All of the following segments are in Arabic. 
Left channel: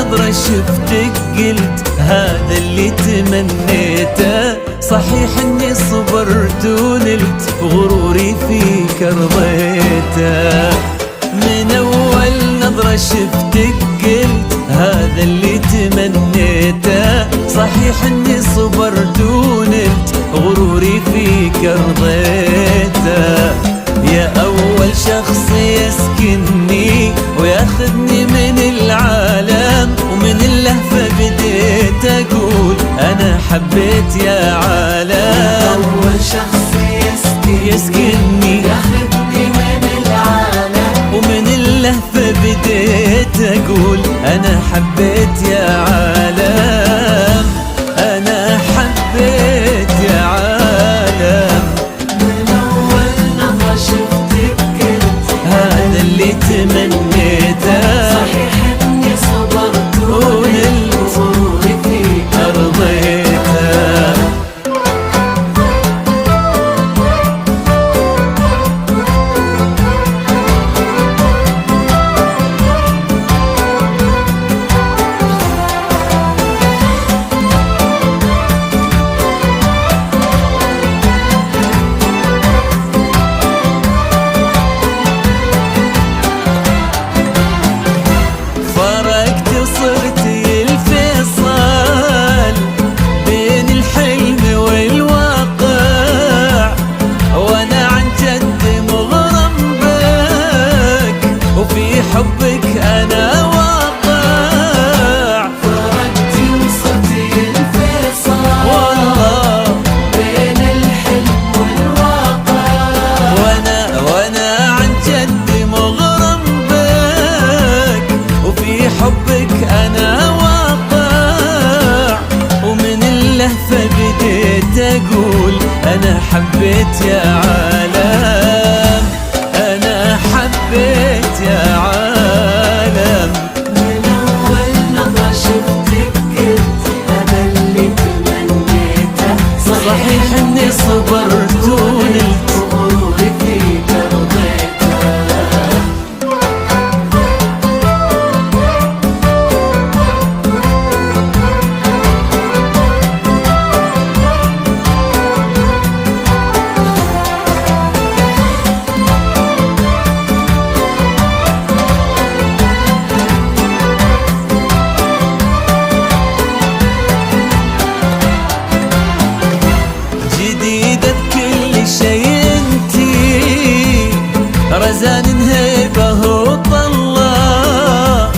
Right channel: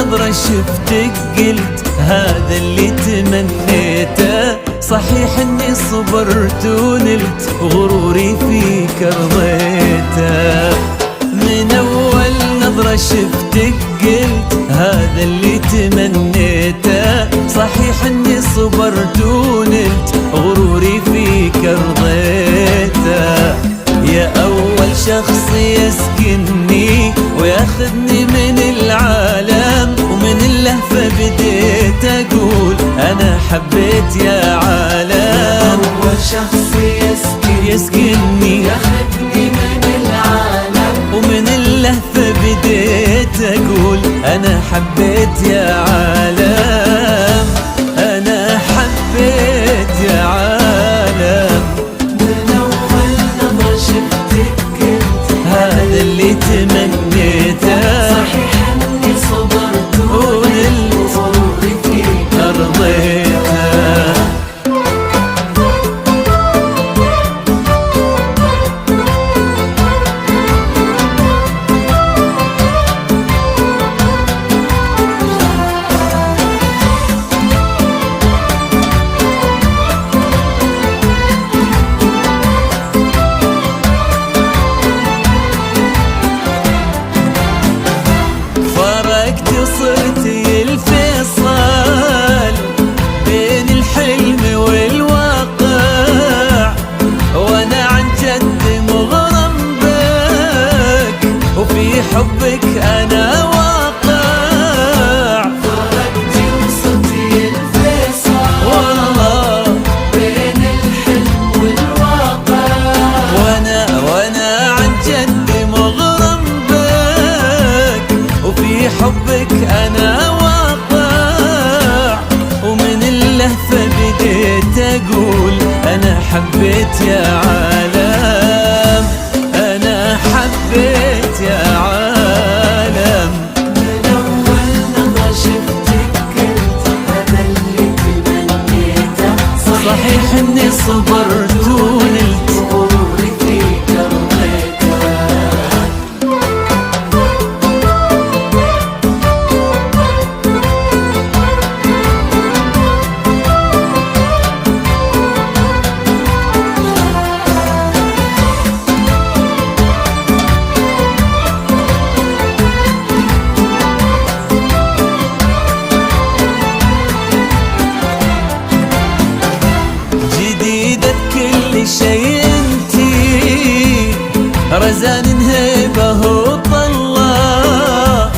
نظرة شفتك قلت هذا اللي تمنيته. صحيح اني صبرت ونلت غروري فيك رضيته. من اول نظرة شفتك قلت هذا اللي تمنيته. صحيح اني صبرت ونلت غروري فيك رضيته. يا أول شخص يسكنني وياخذني من العالم، ومن اللهفة بديت أقول أنا حبيت يا عالم. أول شخص يسكنني ياخذني من العالم، ومن اللهفة بديت أقول أنا حبيت يا عالم. أنا حبيت يا عالم. هذا اللي تمنيته. إني صبرت ونلت غروري فيك رضيته. فرقت وصرتي الفيصل بين الحلم والواقع، وانا عن جد مغرم بك وفي حبك انا واقع. فرقت وصرتي الفيصل والله بين الحلم والواقع، وانا عن جد مغرم بك وفي حبك انا واقع. ومن اللهفة بديت اقول انا حبيت يا عالم. انا حبيت يا عالم. من أول نظرة شفتك قلت هذا اللي تمنيته. صحيح اني صبرت ونلت غروري فيك رضيته. جديدة بكل شيء انتي، رزان هيبة وطلة،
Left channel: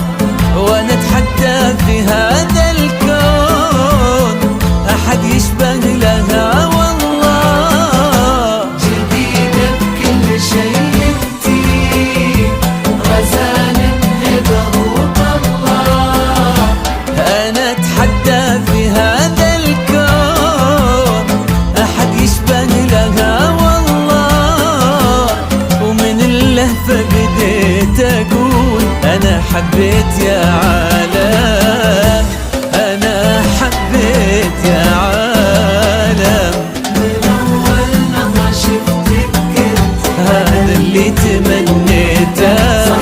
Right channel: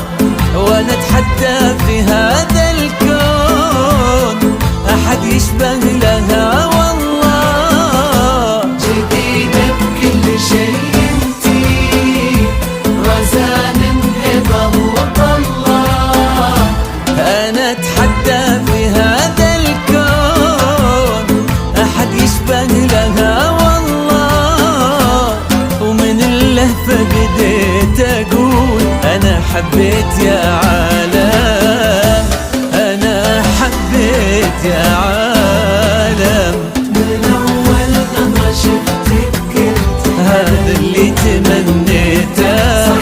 وانا اتحدى في هذا الكون احد يشبه لها والله. جديدة بكل شيء انتي، رزان هبة وطلة، انا اتحدى في هذا الكون احد يشبه لها والله. ومن اللهفة بديت اقول انا حبيت يا عالم. انا حبيت يا عالم. من أول نظرة شفتك قلت هذا اللي تمنيته.